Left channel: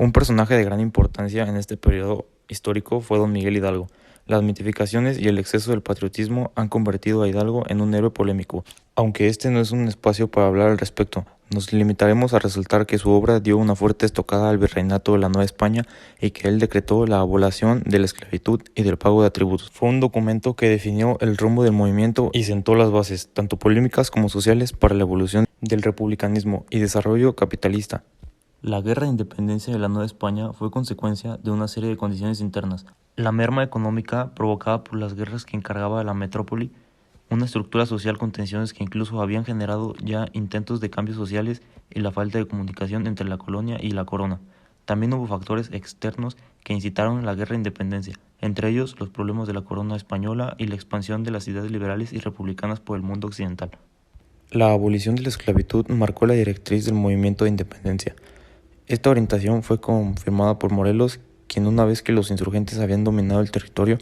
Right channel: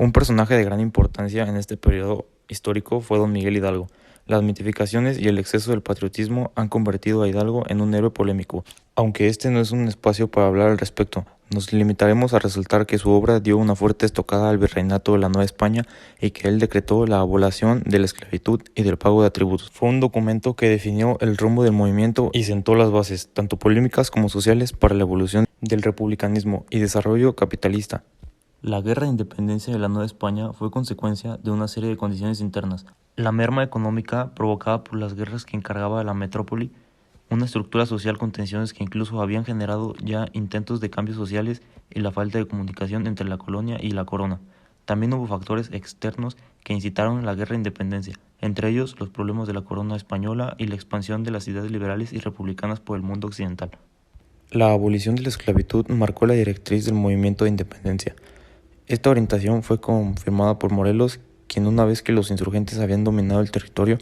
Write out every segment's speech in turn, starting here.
Un personaje de gran importancia en este periodo histórico fue don Miguel Hidalgo. Las mitificaciones y el exceso del patriotismo han convertido a Hidalgo en un héroe polémico. Aunque este no es un espacio para hablar al respecto, nos limitaremos a resaltar que su obra dio una fuerte estocada al virreinato de la Nueva España y que él decretó la abolición de la esclavitud y del pago de tributos. Fue un documento que definió el rumbo del movimiento y sentó las bases, tanto polémicas como sociales, para la evolución del republicanismo y desarrollo capitalista. La Guerra de Independencia de la Nueva España fue consecuencia de una serie de condiciones internas: la merma económica provocada por las guerras que encargaba a la metrópoli, una estructura social con tensiones que incluso habían generado ya intentos de cambios sociales y la falta de comunicación entre la colonia y la corona. También hubo factores externos que incitaron a la Guerra de Independencia, entre ellos los problemas de la corona española y la expansión de las ideas liberales y republicanas por el mundo occidental. La abolición de la esclavitud marcó la directriz del movimiento de independencia. Esta orientación fue confirmada por Morelos, quien, una vez que los insurgentes habían dominado el territorio,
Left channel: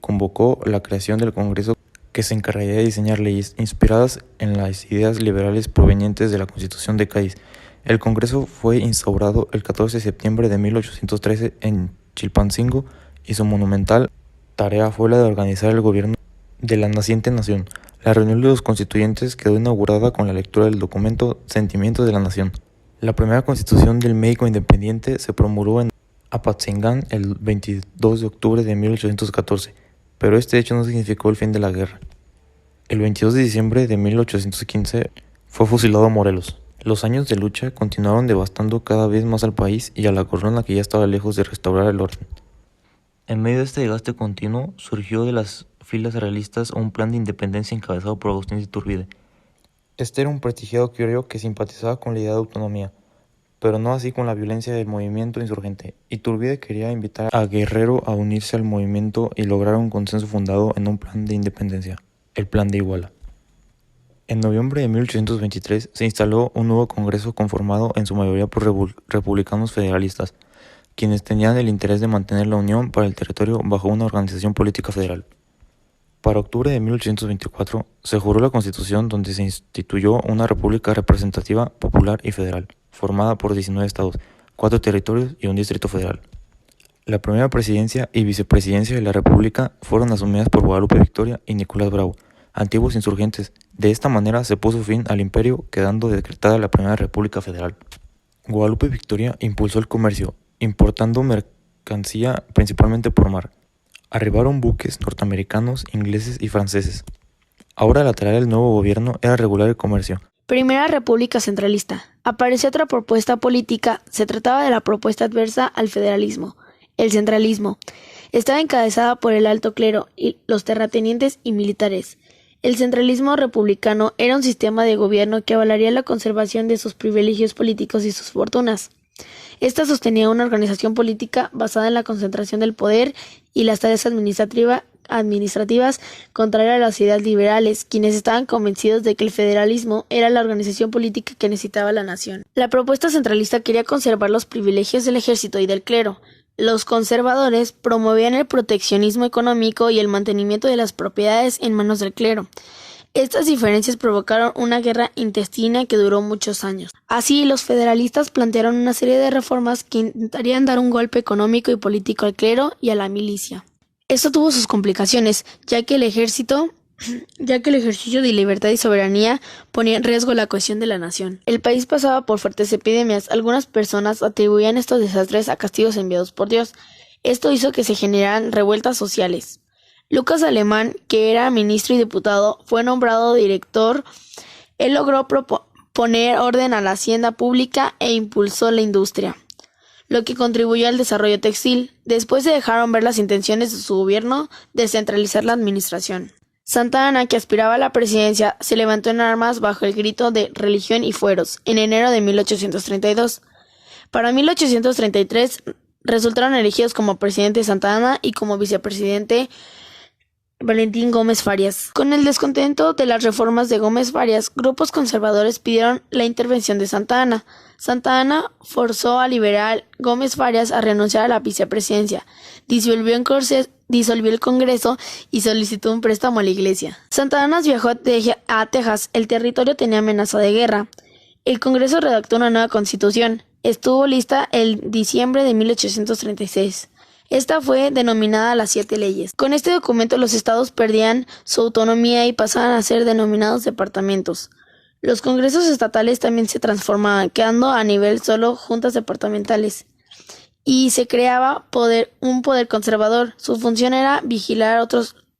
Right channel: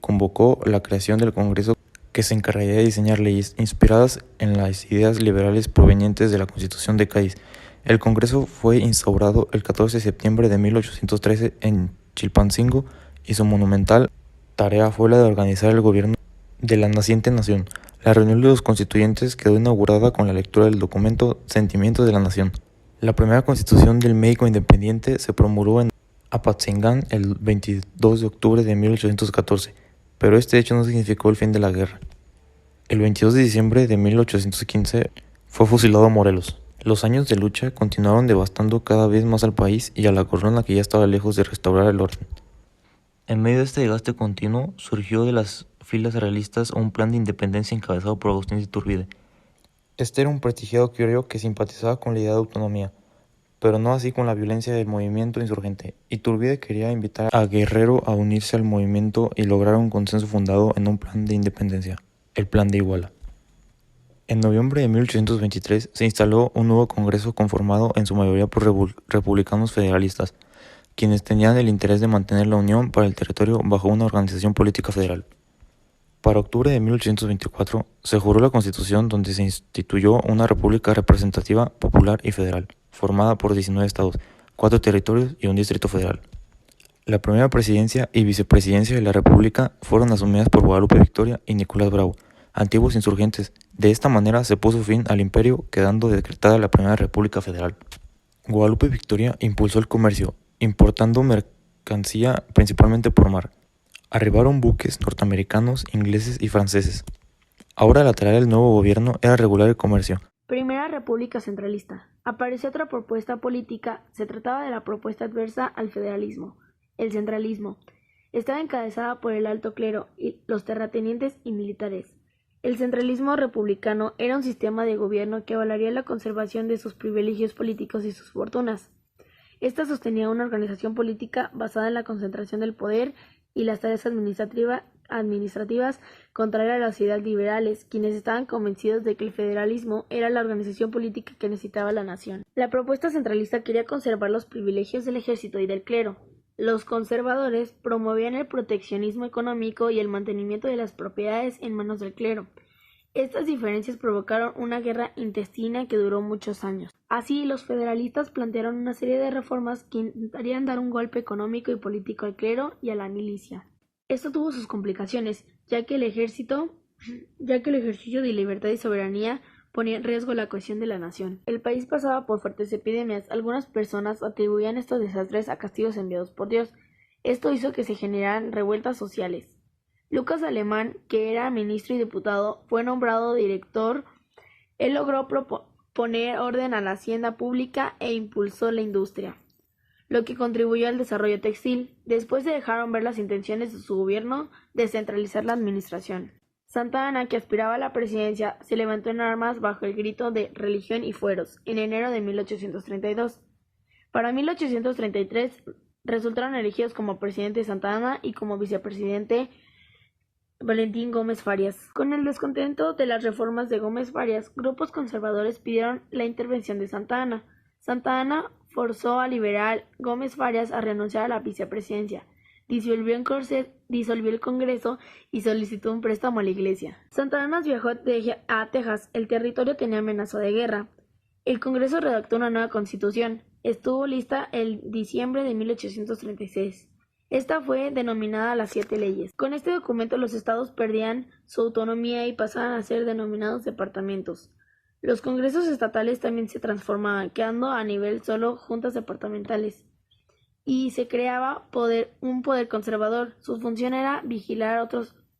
convocó la creación del Congreso, que se encargaría de diseñar leyes inspiradas en las ideas liberales provenientes de la Constitución de Cádiz. El Congreso fue instaurado el 14 de septiembre de 1813 en Chilpancingo y su monumental tarea fue la de organizar el gobierno de la naciente nación. La reunión de los constituyentes quedó inaugurada con la lectura del documento Sentimientos de la Nación. La primera constitución del México independiente se promulgó en Apatzingán el 22 de octubre de 1814, pero este hecho no significó el fin de la guerra. El 22 de diciembre de 1815 fue fusilado Morelos. Los años de lucha continuaron devastando cada vez más al país y a la corona, que ya estaba lejos de restaurar el orden. En medio de este desgaste continuo, surgió de las filas realistas un plan de independencia encabezado por Agustín de Iturbide. Este era un prestigiado criollo que simpatizaba con la idea de autonomía, pero no así con la violencia del movimiento insurgente. Iturbide quería invitar a Guerrero a unirse al movimiento y lograr un consenso fundado en un plan de independencia, el Plan de Iguala. En noviembre de 1823 se instaló un nuevo Congreso conformado en su mayoría por republicanos federalistas, quienes tenían el interés de mantener la unión para el territorio bajo una organización política federal. Para octubre de 1824 se juró la Constitución, donde se instituyó una república representativa, popular y federal, formada por 19 estados, 4 territorios y un distrito federal. La primera presidencia y vicepresidencia de la república fueron asumidas por Guadalupe Victoria y Nicolás Bravo, antiguos insurgentes. De esta manera se puso fin al imperio, quedando decretada la primera república federal. Guadalupe Victoria impulsó el comercio, importando mercancía principalmente por mar. Arribaron buques norteamericanos, ingleses y franceses. Ahora la tarea del nuevo gobierno era regular el comercio. Primera República Centralista. Apareció otra propuesta política. Se trataba de la propuesta adversa al federalismo, el centralismo. Estaba encabezada por el alto clero y los terratenientes y militares. El centralismo republicano era un sistema de gobierno que avalaría la conservación de sus privilegios políticos y sus fortunas. Esta sostenía una organización política basada en la concentración del poder y las tareas administrativas, contraria a las ideas liberales, quienes estaban convencidos de que el federalismo era la organización política que necesitaba la nación. La propuesta centralista quería conservar los privilegios del ejército y del clero. Los conservadores promovían el proteccionismo económico y el mantenimiento de las propiedades en manos del clero. Estas diferencias provocaron una guerra intestina que duró muchos años. Así, los federalistas plantearon una serie de reformas que intentarían dar un golpe económico y político al clero y a la milicia. Esto tuvo sus complicaciones, ya que el ejercicio de libertad y soberanía ponía en riesgo la cohesión de la nación. El país pasaba por fuertes epidemias. Algunas personas atribuían estos desastres a castigos enviados por Dios. Esto hizo que se generaran revueltas sociales. Lucas Alemán, que era ministro y diputado, fue nombrado director. Él logró poner orden a la hacienda pública e impulsó la industria, lo que contribuyó al desarrollo textil. Después se dejaron ver las intenciones de su gobierno de centralizar la administración. Santa Anna, que aspiraba a la presidencia, se levantó en armas bajo el grito de religión y fueros en enero de 1832. Para 1833 resultaron elegidos como presidente Santa Anna y como vicepresidente Valentín Gómez Farias. Con el descontento de las reformas de Gómez Farias, grupos conservadores pidieron la intervención de Santa Anna. Santa Anna forzó al liberal Gómez Farias a renunciar a la vicepresidencia, disolvió el Congreso y solicitó un préstamo a la Iglesia. Santa Anna viajó a Texas. El territorio tenía amenaza de guerra. El Congreso redactó una nueva constitución. estuvo lista en diciembre de 1836. Esta fue denominada las 7 leyes. Con este documento los estados perdían su autonomía y pasaban a ser denominados departamentos. Los congresos estatales también se transformaban, quedando a nivel solo juntas departamentales. Y se creaba un poder conservador. Su función era vigilar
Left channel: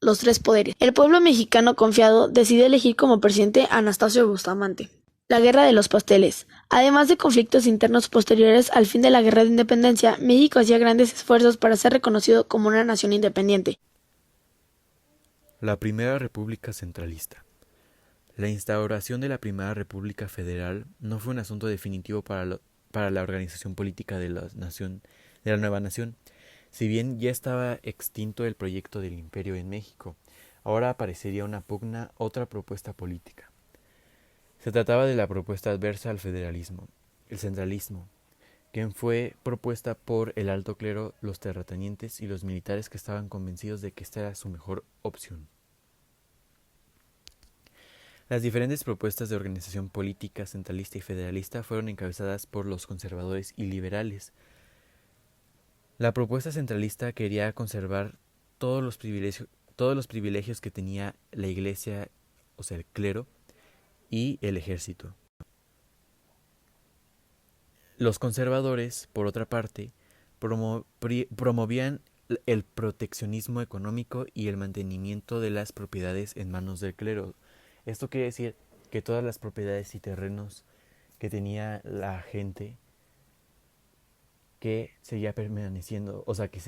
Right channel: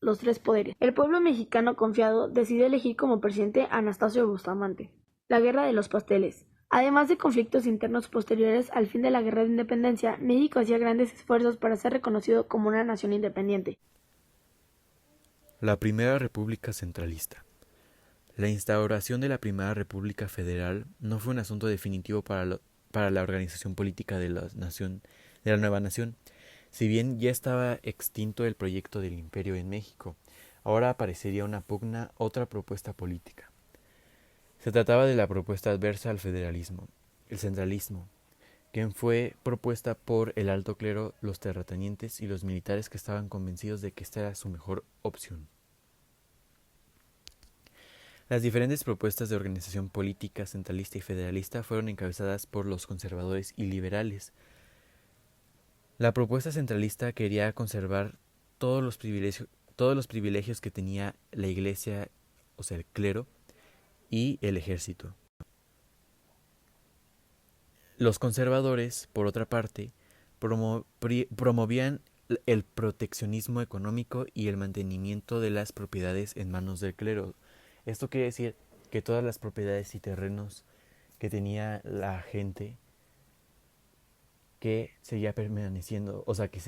los 3 poderes. El pueblo mexicano confiado decidió elegir como presidente a Anastasio Bustamante. La Guerra de los Pasteles. Además de conflictos internos posteriores al fin de la Guerra de Independencia, México hacía grandes esfuerzos para ser reconocido como una nación independiente. La Primera República Centralista. La instauración de la Primera República Federal no fue un asunto definitivo para la organización política de la nueva nación. Si bien ya estaba extinto el proyecto del imperio en México, ahora aparecería una pugna, otra propuesta política. Se trataba de la propuesta adversa al federalismo, el centralismo, que fue propuesta por el alto clero, los terratenientes y los militares que estaban convencidos de que esta era su mejor opción. Las diferentes propuestas de organización política centralista y federalista fueron encabezadas por los conservadores y liberales. La propuesta centralista quería conservar todos los privilegios que tenía la Iglesia, o sea, el clero, y el ejército. Los conservadores, por otra parte, promovían el proteccionismo económico y el mantenimiento de las propiedades en manos del clero. Esto quiere decir que todas las propiedades y terrenos que tenía la gente que seguía permaneciendo, o sea, que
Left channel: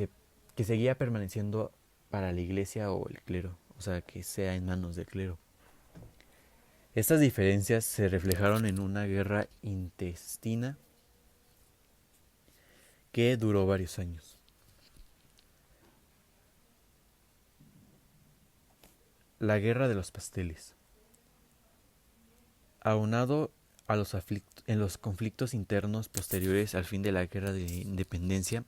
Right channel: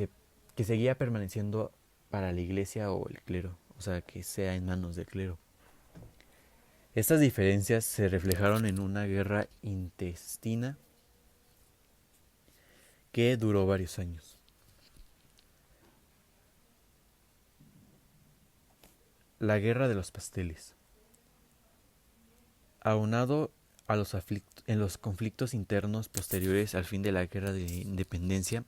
seguía permaneciendo para la iglesia o el clero, o sea, que sea en manos del clero. Estas diferencias se reflejaron en una guerra intestina que duró varios años. La Guerra de los Pasteles. Aunado a los conflictos internos posteriores al fin de la Guerra de Independencia,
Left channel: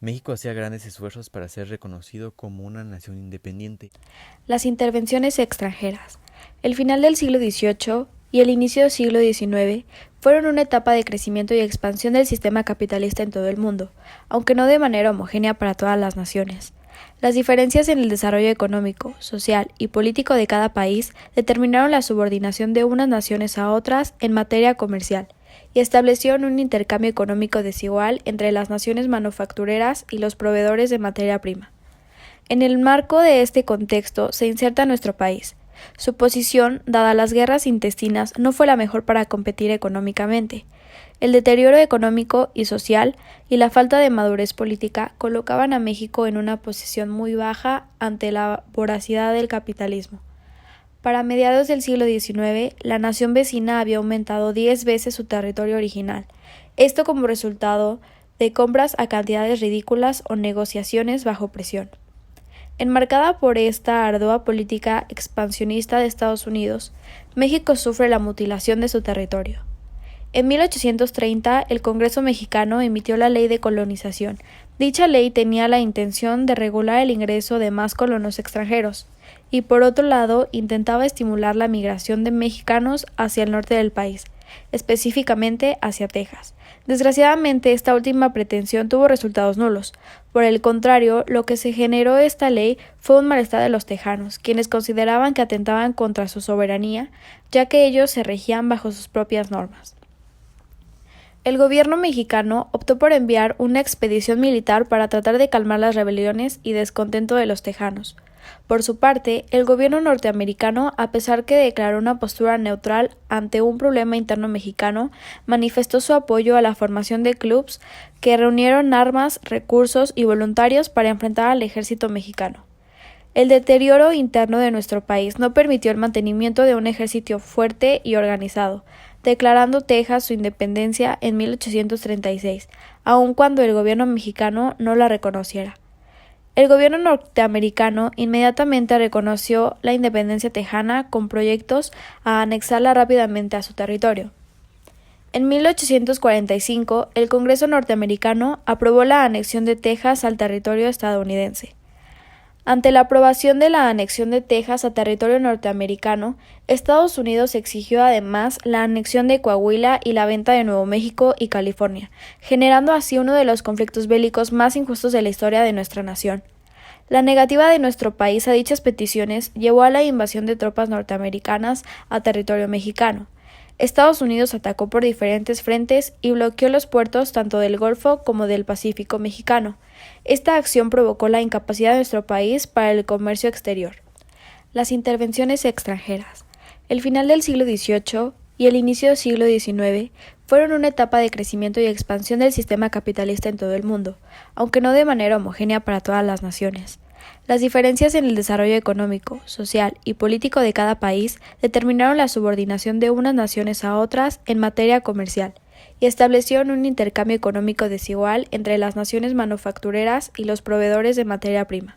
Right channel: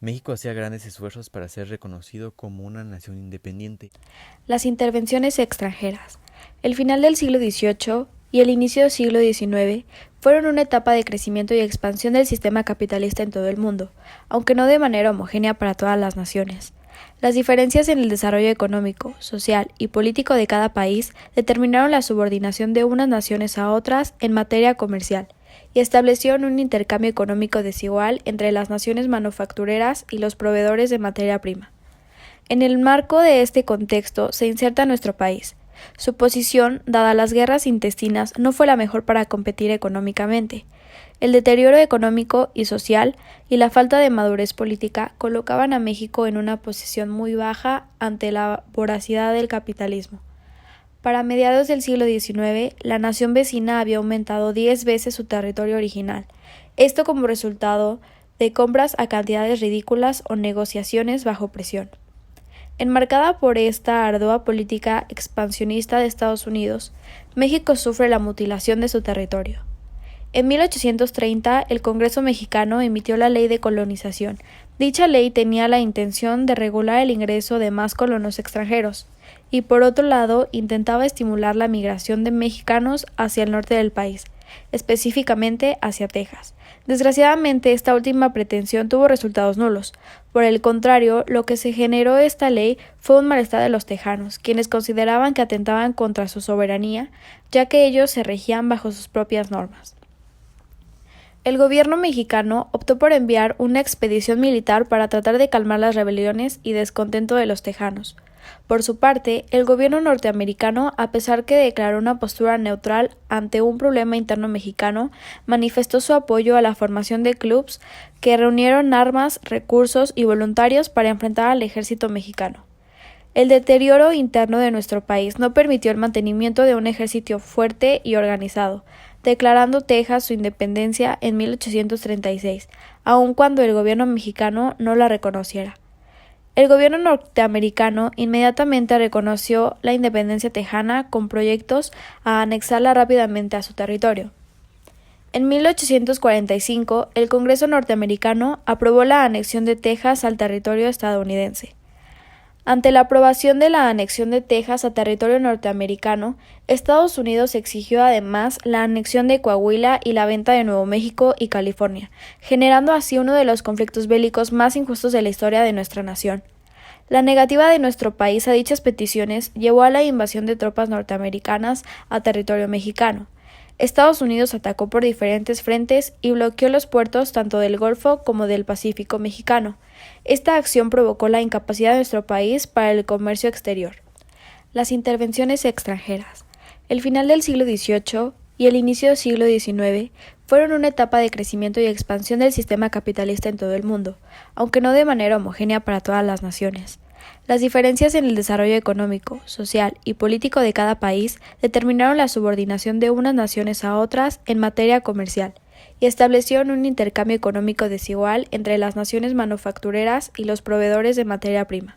México hacía grandes esfuerzos para ser reconocido como una nación independiente. Las intervenciones extranjeras. El final del siglo XVIII y el inicio del siglo XIX fueron una etapa de crecimiento y expansión del sistema capitalista en todo el mundo, aunque no de manera homogénea para todas las naciones. Las diferencias en el desarrollo económico, social y político de cada país determinaron la subordinación de unas naciones a otras en materia comercial y establecieron un intercambio económico desigual entre las naciones manufactureras y los proveedores de materia prima. En el marco de este contexto se inserta nuestro país. Su posición, dada las guerras intestinas, no fue la mejor para competir económicamente. El deterioro económico y social y la falta de madurez política colocaban a México en una posición muy baja ante la voracidad del capitalismo. Para mediados del siglo XIX, la nación vecina había aumentado 10 veces su territorio original, esto como resultado de compras a cantidades ridículas o negociaciones bajo presión. Enmarcada por esta ardua política expansionista de Estados Unidos, México sufre la mutilación de su territorio. En 1830, el Congreso mexicano emitió la Ley de Colonización. Dicha ley tenía la intención de regular el ingreso de más colonos extranjeros y, por otro lado, intentaba estimular la migración de mexicanos hacia el norte del país, específicamente hacia Texas. Desgraciadamente, esta última pretensión tuvo resultados nulos. Por el contrario, lo que se generó esta ley fue un malestar de los tejanos, quienes consideraban que atentaban contra su soberanía, ya que ellos se regían bajo sus propias normas. El gobierno mexicano optó por enviar una expedición militar para tratar de calmar las rebeliones y descontento de los tejanos. Por su parte, el gobierno norteamericano, a pesar que declaró una postura neutral ante un problema interno mexicano, manifestó su apoyo a la formación de clubes que reunieron armas, recursos y voluntarios para enfrentar al ejército mexicano. El deterioro interno de nuestro país no permitió el mantenimiento de un ejército fuerte y organizado, declarando Texas su independencia en 1836, aun cuando el gobierno mexicano no la reconociera. El gobierno norteamericano inmediatamente reconoció la independencia tejana con proyectos a anexarla rápidamente a su territorio. En 1845, el Congreso norteamericano aprobó la anexión de Texas al territorio estadounidense. Ante la aprobación de la anexión de Texas a territorio norteamericano, Estados Unidos exigió además la anexión de Coahuila y la venta de Nuevo México y California, generando así uno de los conflictos bélicos más injustos de la historia de nuestra nación. La negativa de nuestro país a dichas peticiones llevó a la invasión de tropas norteamericanas a territorio mexicano. Estados Unidos atacó por diferentes frentes y bloqueó los puertos tanto del Golfo como del Pacífico mexicano. Esta acción provocó la incapacidad de nuestro país para el comercio exterior. Las intervenciones extranjeras. El final del siglo XVIII y el inicio del siglo XIX fueron una etapa de crecimiento y expansión del sistema capitalista en todo el mundo, aunque no de manera homogénea para todas las naciones. Las diferencias en el desarrollo económico, social y político de cada país determinaron la subordinación de unas naciones a otras en materia comercial y establecieron un intercambio económico desigual entre las naciones manufactureras y los proveedores de materia prima.